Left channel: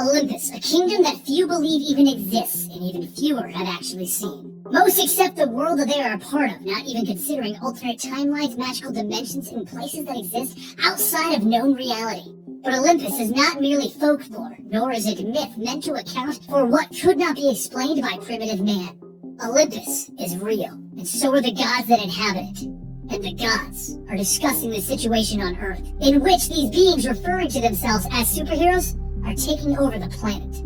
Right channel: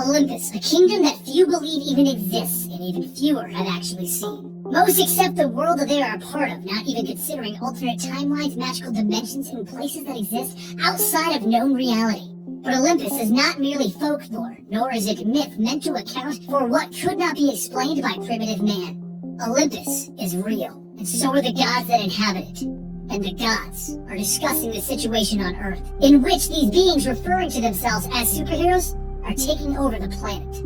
Olympus, a kingdom that few believe even exists, and even fewer have actually seen. Most accept the world that they are a part of, not even considering alternate timelines, magical dimensions, and places that exist outside of known reality. But Olympus is not merely folklore, nor is it myth meant to account for what could not be explained by primitive man. Olympus is real, and so are the gods that inhabit it. And the gods are discussing the situation on Earth, in which these beings referring to themselves as superheroes are taking over the planet.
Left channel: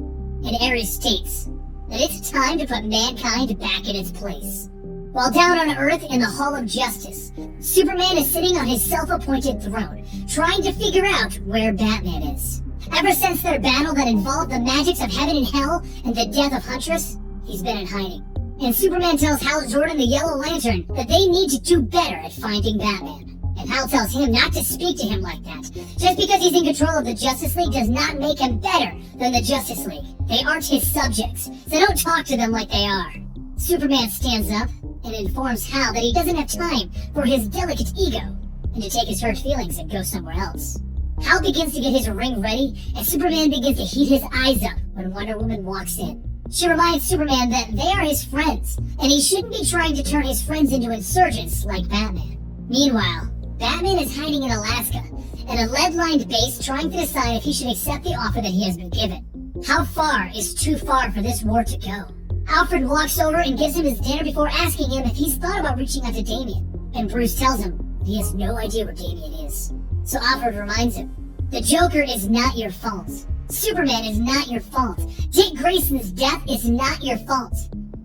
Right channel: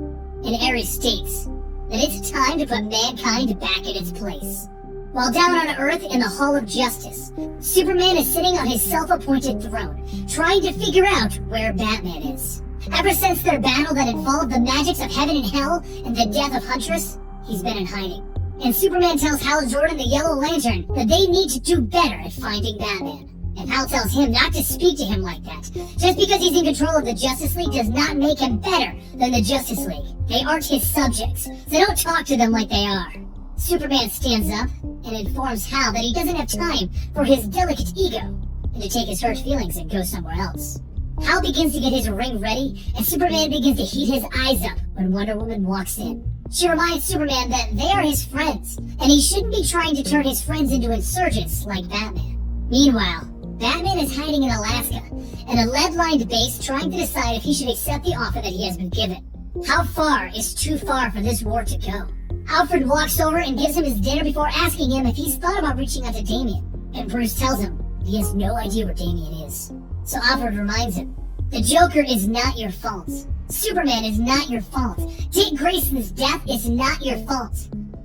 And Ares states that it's time to put mankind back in its place. While down on Earth in the Hall of Justice, Superman is sitting on his self-appointed throne, trying to figure out where Batman is. Ever since their battle that involved the magics of heaven and hell and the death of Huntress, he's been in hiding. And Superman tells Hal Jordan, the Yellow Lantern, that they need to do better at finding Batman. And Hal tells him not to speak to him like that. Just because he's in control of the Justice League does not make him better than the Justice League. They aren't his subjects, so don't talk to them like they are. Superman stands up and informs Hal that he doesn't have time for his delicate ego, and to take his hurt feelings and go somewhere else. Hal begins to get his ring ready, and Superman begins to heat his eyes up when Wonder Woman walks in. She reminds Superman that they are his friends, and he shouldn't be trying to turn his friends into insurgents like Batman. Meanwhile, Batman is hiding in Alaska, in a lead-lined base trying to decide if he should accept the offer that he has been given. How far is too far for this war to go? Alfred walks over and gives him his dinner before asking him if he's thought about reaching out to Damian, and Bruce tells him that he has no idea where Damian is. So Alfred reminds him, the Joker is not your fault. Superman is not your fault. Dick Grayson's death is not your fault.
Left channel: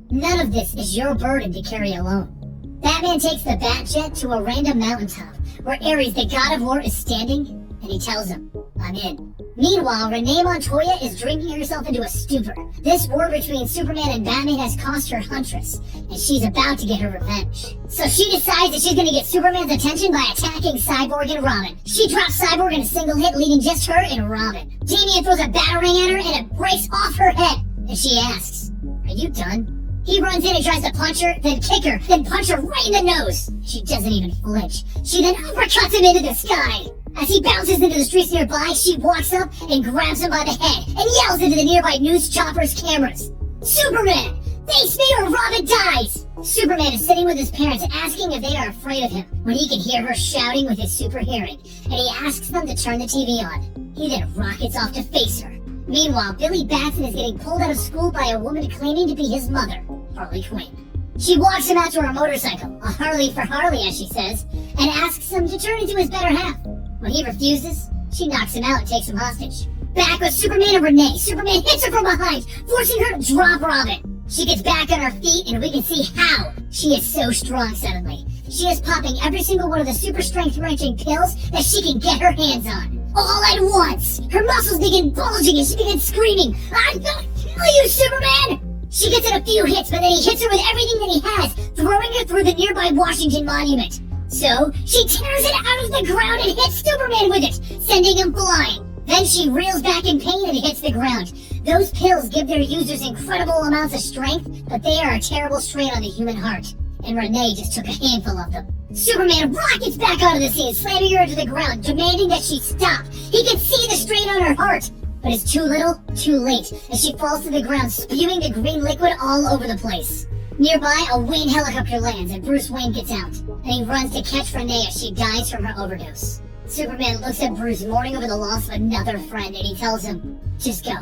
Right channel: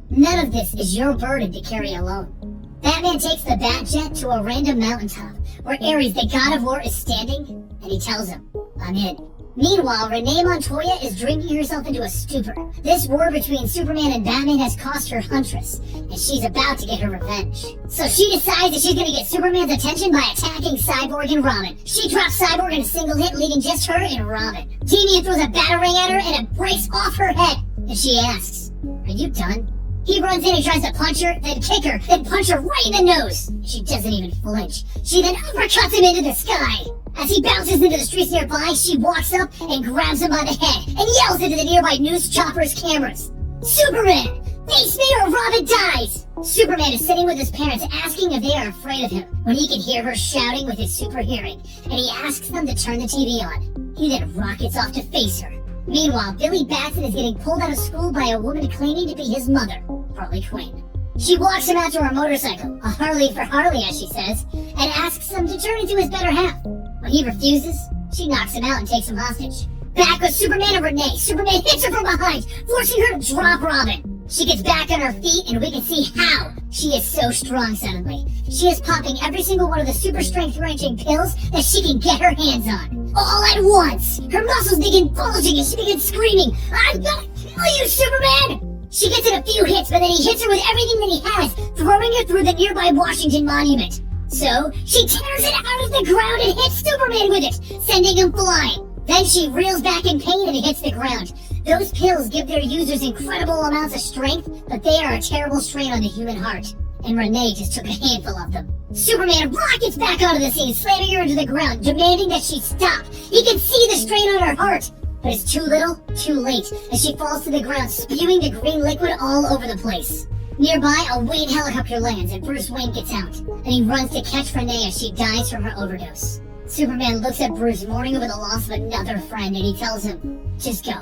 None of this is your burden to carry alone. Batman takes the Batjet to a random mountaintop, where Ares, the god of war, is standing, and he tells him, I'm in. Meanwhile, Renee Montoya is drinking herself into a stupor. This war between Superman and Batman has cost her Huntress, and she's about to get her revenge. So she decides that she's gonna get Superman's attention by attacking Cyborg and Robin. She drops Cyborg in a single hit, leaving just her and Robin. Damian throws a batarang at her and it breaks off her head, and she asks, are you done? He runs in and tries to punch her, then kick her, then punch her right in the nose. She doesn't even flinch. She then uppercuts him into the sky. As he bounces into the streets nearby, she walks up and grabs him by the head and yells into the nearby news chopper's cameras, Superman! Face me or Robin dies! Superman is sitting with his parents asking if they are afraid of him, when he can hear her shouting with his super hearing, and he asks them to turn the TV on. He then rockets off to face her. Meanwhile, Billy Batson is getting pulled out of school by a woman claiming to be his mother, Harley Quinn. She walks him out to her motorcycle, a Harley for Harley as she says, and asks him to turn into his better half. When he refuses, she knocks him out and takes him hostage. Back with Superman and Renee, Superman hits her from behind, forcing her to drop Robin. She gets back on her feet and we can see how she is so strong suddenly. She is popping every single one of the super strength wrenching pills that she can get her hands on. All at once, her muscles begin bulging and she begins screaming, I'm gonna kill you, Superman! She gets in a few hits, but then he hits her with everything that he has, throwing her through the nearby Washington Monument. So, she tears it out of the ground and hits Superman with it, sending him flying. Then she reels back in pain and hits the ground. Those pills give their users incredible amounts of strength, but they are a terrible strain on the human heart. And Renee just took a handful of them. Superman rockets back onto the scene, slamming her into the ground, demanding that she stop. He can see the strain on her heart, but it's too little, too late, as she falls to the ground, spewing the green liquid all over the place. Nearby, a Wayne helicopter lands and Bruce Wayne gets out, and he runs to catch Renee as she dies from her overdose. Superman looks at Bruce, mourning over the loss of another friend, and he tells him, just go.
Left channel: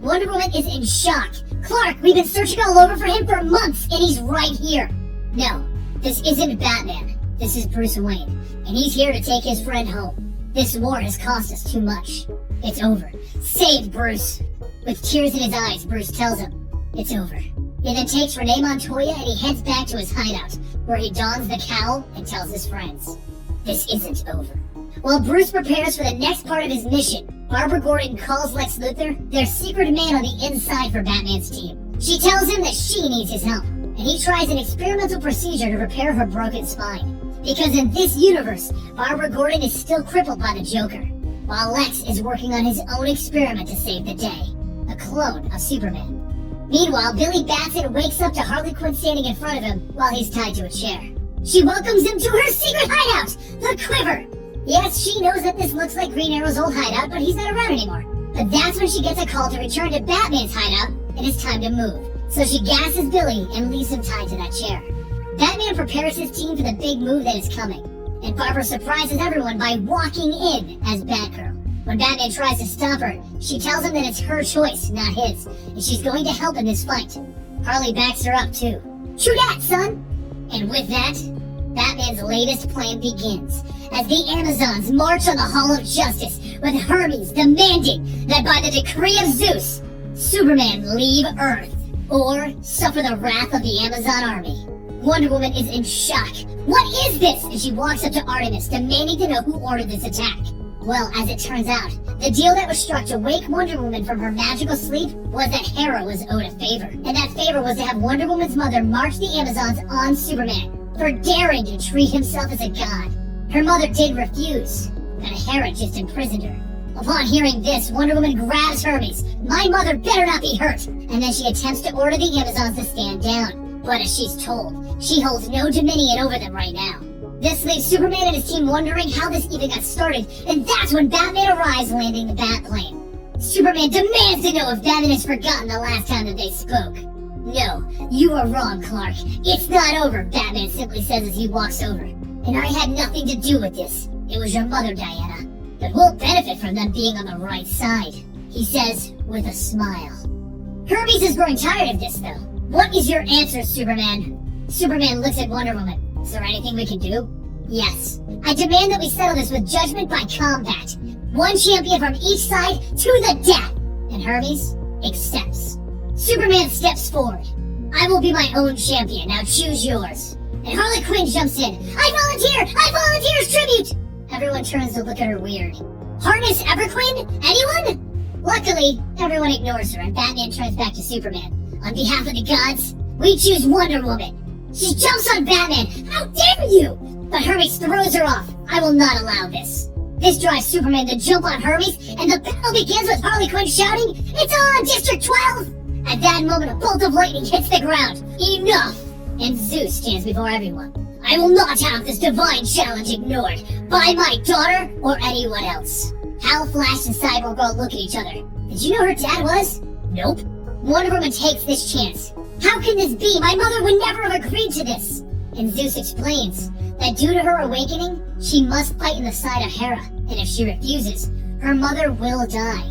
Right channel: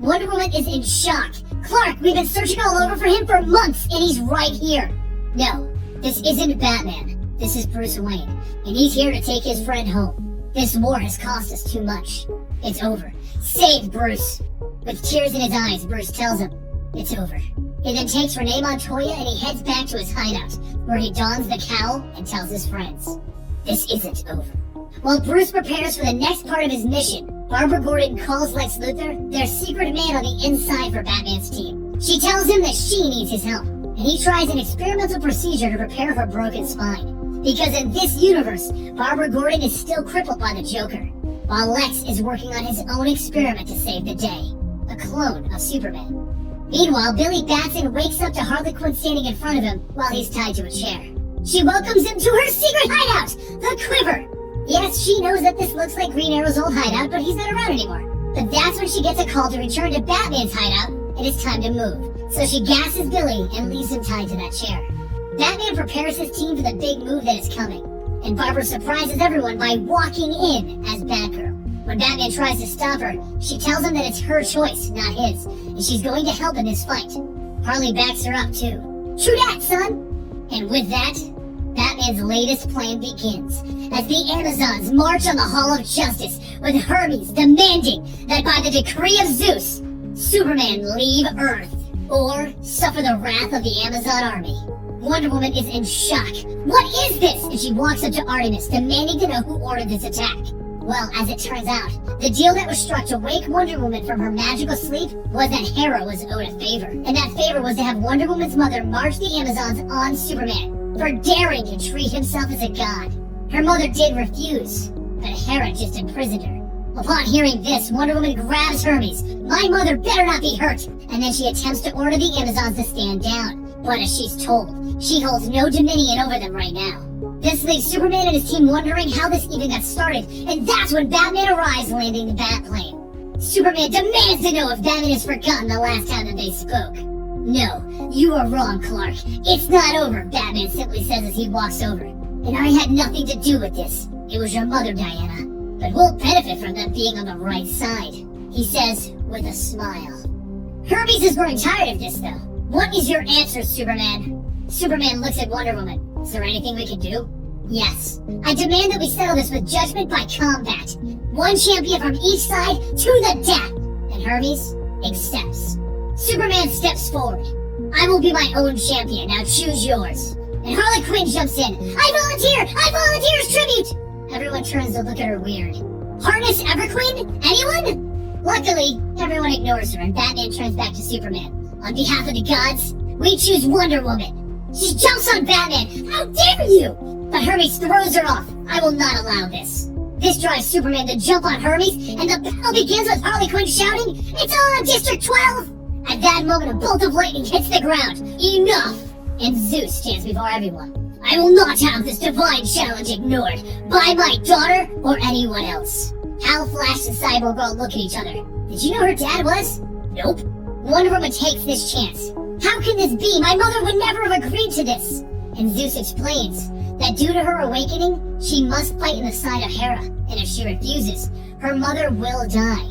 Wonder Woman is in shock. Clark, we've been searching all over for him for months, and he's right here. No, this isn't Batman. This is Bruce Wayne, and he's here to take his friend home. This war has cost us too much. It's over. Save Bruce. With tears in his eyes, Bruce tells him, it's over. He then takes Renee Montoya and he heads back to his hideout, where he dons the cowl and tells his friends, this isn't over. While Bruce prepares for the next part of his mission, Barbara Gordon calls Lex Luthor, their secret man on the inside for Batman's team. She tells him that she needs his help, and he tries an experimental procedure to repair her broken spine. Because in this universe, Barbara Gordon is still crippled by the Joker, while Lex is working on his own experiment to save the day, a clone of Superman. Meanwhile, Billy Batson wakes up to Harley Quinn standing in front of him while he's tied to a chair. She welcomes him to her secret hideout, the Quiver. Yes, she knows that this looks like Green Arrow's old hideout, but he's not around anymore. But that's when she gets a call to return to Batman's hideout, and it's time to move. So she gasses Billy and leaves him tied to that chair. Batman prepares his team for the big move that is coming, and Barbara surprises everyone by walking in as Batgirl. When Batman tries to stop her, she tells him that it's her choice, not his, and she's going to help in this fight. Harley backs her up too. True that, son! And with that, Batman's latest plan begins, as the Amazons march on the Hall of Justice, with Hermes demanding that by the decree of Zeus, Superman leave Earth, or suffer the wrath of the Amazon army. Wonder Woman is in shock. What is this? And she walks up to Artemis, demanding to know who ordered this attack. Well, as it turns out, the deal that was struck to wake Wonder Woman from her magical sleep was that Hera was owed a favor. And that favor was to have Wonder Woman's mother march the Amazons on Superman for daring to treat himself as a god. Her mother did refuse, but Hera just imprisoned her. Upon hearing this, Wonder Woman grabs Hermes. My mother better not be hurt! And then she attempts to order the Amazons to stand down. But as she's told, she holds no dominion over them right now. This leaves Superman and his team wondering how this even got started, and that's when Batman arrives, landing the Batplane. Superman demands to know if Batman has forgotten the last time that they spoke. No, you are wrong, Clark. It's not over, Batman simply says as he walks over. And I had nothing to do with this. It was your mother, Diana. But we'll benefit from them being on the right side, he says with a smile. Hermes is growing tired of this, though. What is your answer, Superman? Superman looks at Wonder Woman. Is there anything we can do? Yes. I demand that we settle this with judgment by combat. One champion from each side to the death. And Hermes accepts. Superman steps forward. I will be my own champion. Now choose yours. And Harley Quinn jumps in. I volunteer as tribute! Everyone turns to look at her weird. Harness Everqueen? Anyone? Luckily, everyone ignores her and Batman turns back to Superman. On behalf of the gods, we choose Wonder Woman. She jumps on Batman. How dare you! But Hermes throws her off. I will not allow this. This drives Superman to jump on Hermes, and the battle begins with Harley Quinn shouting, It's on, District 12! At that moment, a bolt of lightning hits the ground. Enough! And Zeus stands before everyone. I will not have this divine challenge ignored by my daughter or anyone else. Hal, Flash, and Cyborg all look at each other. Did you know her dad was? Nope. Wonder Woman takes this chance. How can this be? My mother would never have agreed to this. And Zeus explains that due to her awakening, she must fight in the side of Hera. And if she refuses, her mother will die.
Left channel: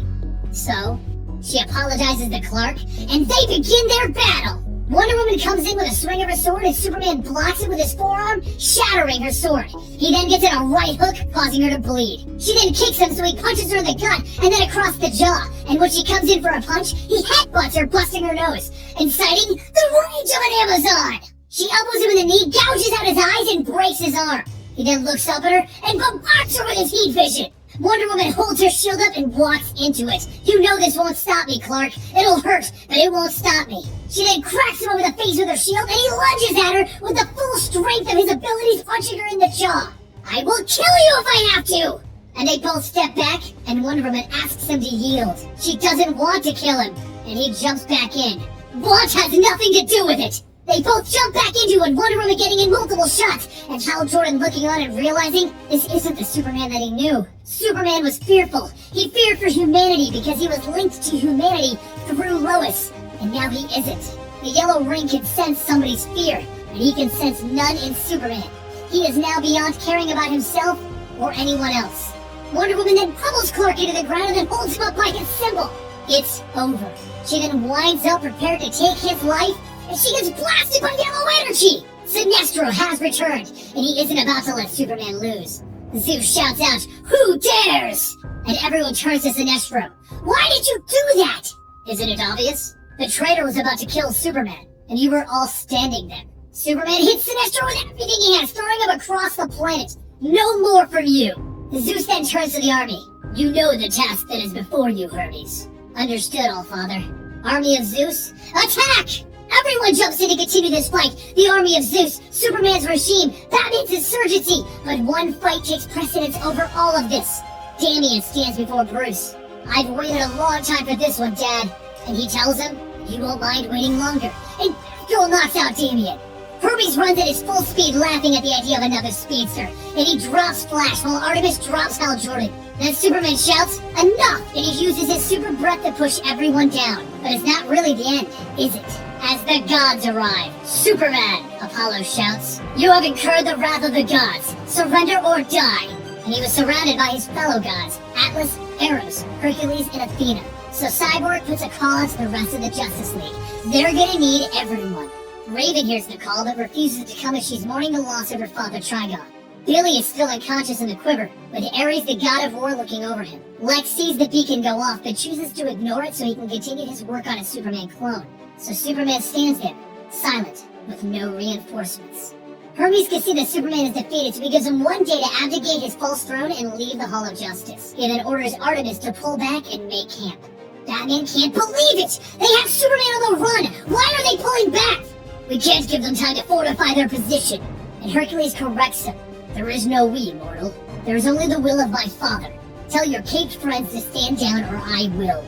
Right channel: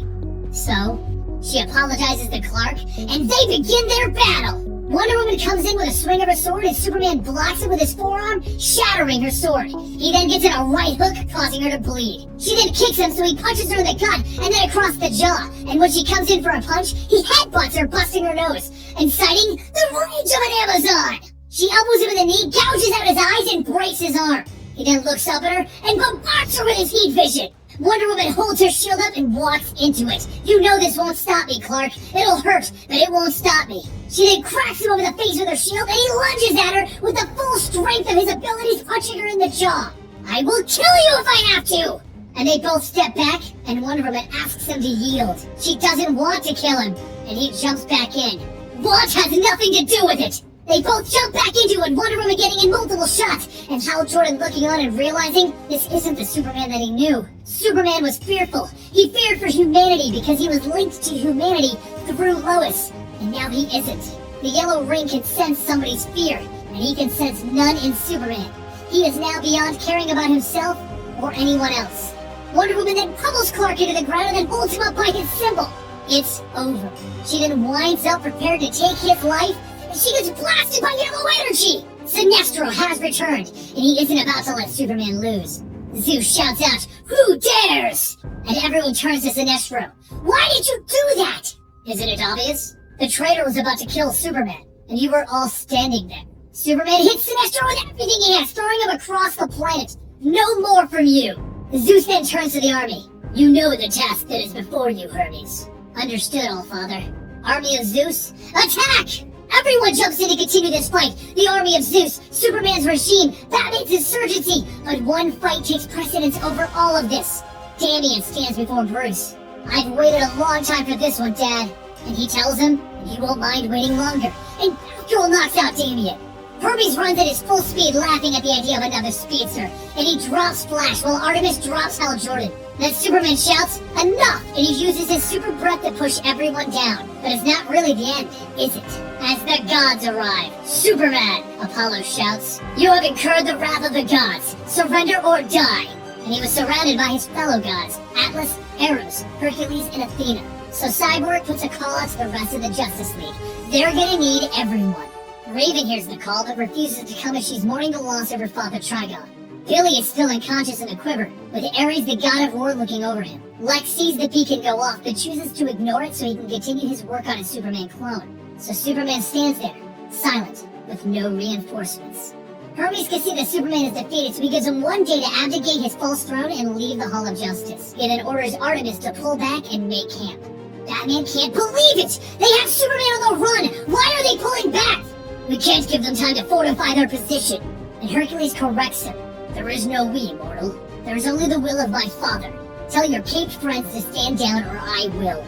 So, she apologizes to Clark, and they begin their battle. Wonder Woman comes in with a swing of her sword, and Superman blocks it with his forearm, shattering her sword. He then gets in a right hook, causing her to bleed. She then kicks him, so he punches her in the gut, and then across the jaw. And when she comes in for a punch, he headbutts her, busting her nose, inciting the rage of an Amazon. She elbows him in the knee, gouges out his eyes, and breaks his arm. He then looks up at her and bombards her with his heat vision. Wonder Woman holds her shield up and walks into it. You know this won't stop me, Clark. It'll hurt, but it won't stop me. She then cracks him over the face with her shield, and he lunges at her with the full strength of his abilities, punching her in the jaw. I will kill you if I have to! And they both step back, and Wonder Woman asks him to yield. She doesn't want to kill him, and he jumps back in. Want has nothing to do with it! They both jump back into it, Wonder Woman getting in multiple shots, and Hal Jordan looking on and realizing this isn't the Superman that he knew. Superman was fearful. He feared for humanity because he was linked to humanity through Lois, and now he isn't. The yellow ring can sense somebody's fear, and he can sense none in Superman. He is now beyond caring about himself or anyone else. Wonder Woman then pummels Clark into the ground and then holds him up by his symbol. It's over. She then winds up prepared to take his life, and she gets blasted by yellow energy! Sinestro has returned, and he isn't about to let Superman lose. Zeus shouts out, Who dares? And everyone turns to Sinestro. Why did you do that? Isn't it obvious? The traitor was about to kill Superman, and you were all standing there. Superman hits Sinestro with everything he has, throwing him across the planet. No more from you! Zeus then turns to the army. You know the task that is before you, Hermes. Understood, Allfather. Army of Zeus, attack! Everyone jumps in to continue this fight. The army of Zeus, Superman's regime, Batman's insurgency. But one fight takes precedence over all of this. Damian stands before Bruce. I've waited a long time for this one, Dad. And he tells him, you won't mind waiting longer. And Batgirl knocks out Damian. Hermes runs at his full speed, laughing at the idea of another speedster, and he drops Flash while Artemis drops Hal Jordan. Then Superman shouts, "Enough!" and he uses his super breath to push everyone down. But it's not really the end, is it? As the gods arrive, "Superman!" Apollo shouts, "You have incurred the wrath of the gods. Surrender or die!" And he was surrounded by his fellow gods, Atlas, Eros, Hercules, and Athena. So Cyborg puts a call out to the rest of the Justice League. They're gonna need everyone. Raven hears the call but refuses to come as she's mourning the loss of her father Trigon. Billy is still unconscious in the quiver, with Ares the god of war looking over him. Lex sees the beacon go off but chooses to ignore it so he can continue his work on his Superman clone. So Superman stands there, silent, with no reinforcements. Hermes can see that Superman is defeated, so he gives him 1 day to abdicate his false throne and leave the Hall of Justice. He then orders Artemis to pull back and make camp. Batman can't believe it! They have Superman on the run! Why are they pulling back? "We can't give them time to fortify their position." And Hercules corrects him. "There is no we, mortal. There is only the will of my father. Tell your caped friends to stand down or I will."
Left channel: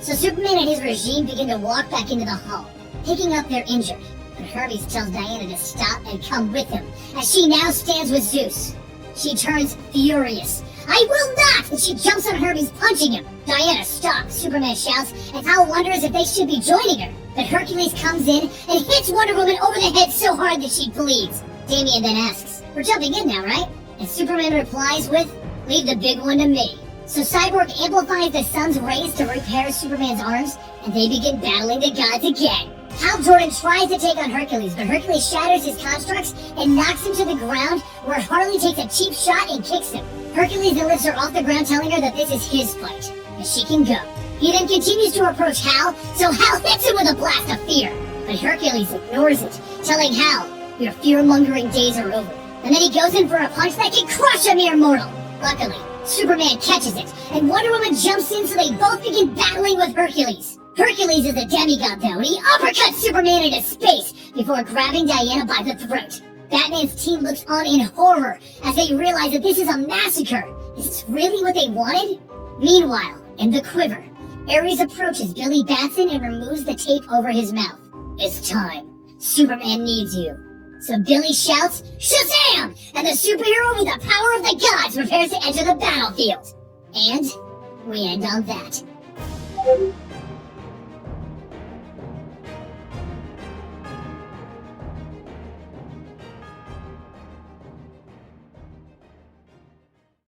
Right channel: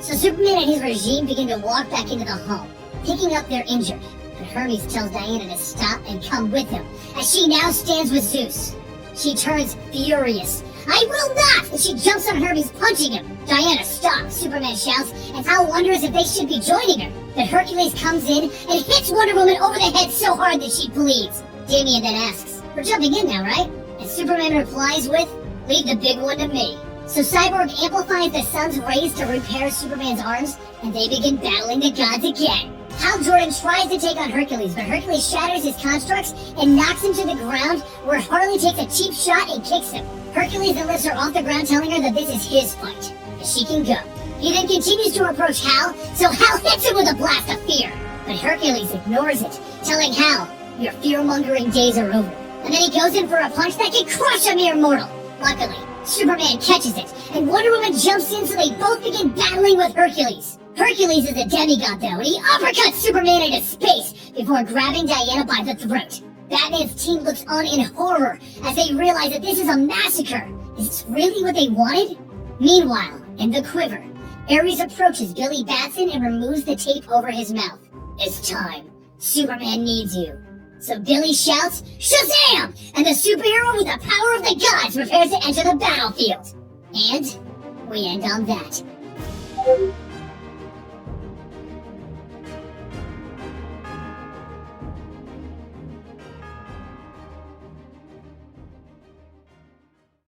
So Superman and his regime begin to walk back into the hall, picking up their injured. But Hermes tells Diana to stop and come with him, as she now stands with Zeus. She turns furious. "I will not!" And she jumps on Hermes, punching him. "Diana, stop!" Superman shouts, and Hal wonders if they should be joining her. But Hercules comes in and hits Wonder Woman over the head so hard that she bleeds. Damian then asks, "We're jumping in now, right?" And Superman replies with, "Leave the big one to me." So Cyborg amplifies the sun's rays to repair Superman's arms, and they begin battling the gods again. Hal Jordan tries to take on Hercules, but Hercules shatters his constructs and knocks him to the ground, where Harley takes a cheap shot and kicks him. Hercules then lifts her off the ground, telling her that this is his fight, and she can go. He then continues to approach Hal, so Hal hits him with a blast of fear. But Hercules ignores it, telling Hal, "Your fear-mongering days are over." And then he goes in for a punch that can crush a mere mortal. Luckily, Superman catches it, and Wonder Woman jumps in so they both begin battling with Hercules. Hercules is a demigod though, and he uppercuts Superman into space before grabbing Diana by the throat. Batman's team looks on in horror as they realize that this is a massacre. Is this really what they wanted? Meanwhile, in the quiver, Ares approaches Billy Batson and removes the tape over his mouth. "It's time. Superman needs you." So Billy shouts, "Shazam!" And the superhero with the power of the gods prepares to enter the battlefield. And we end on that.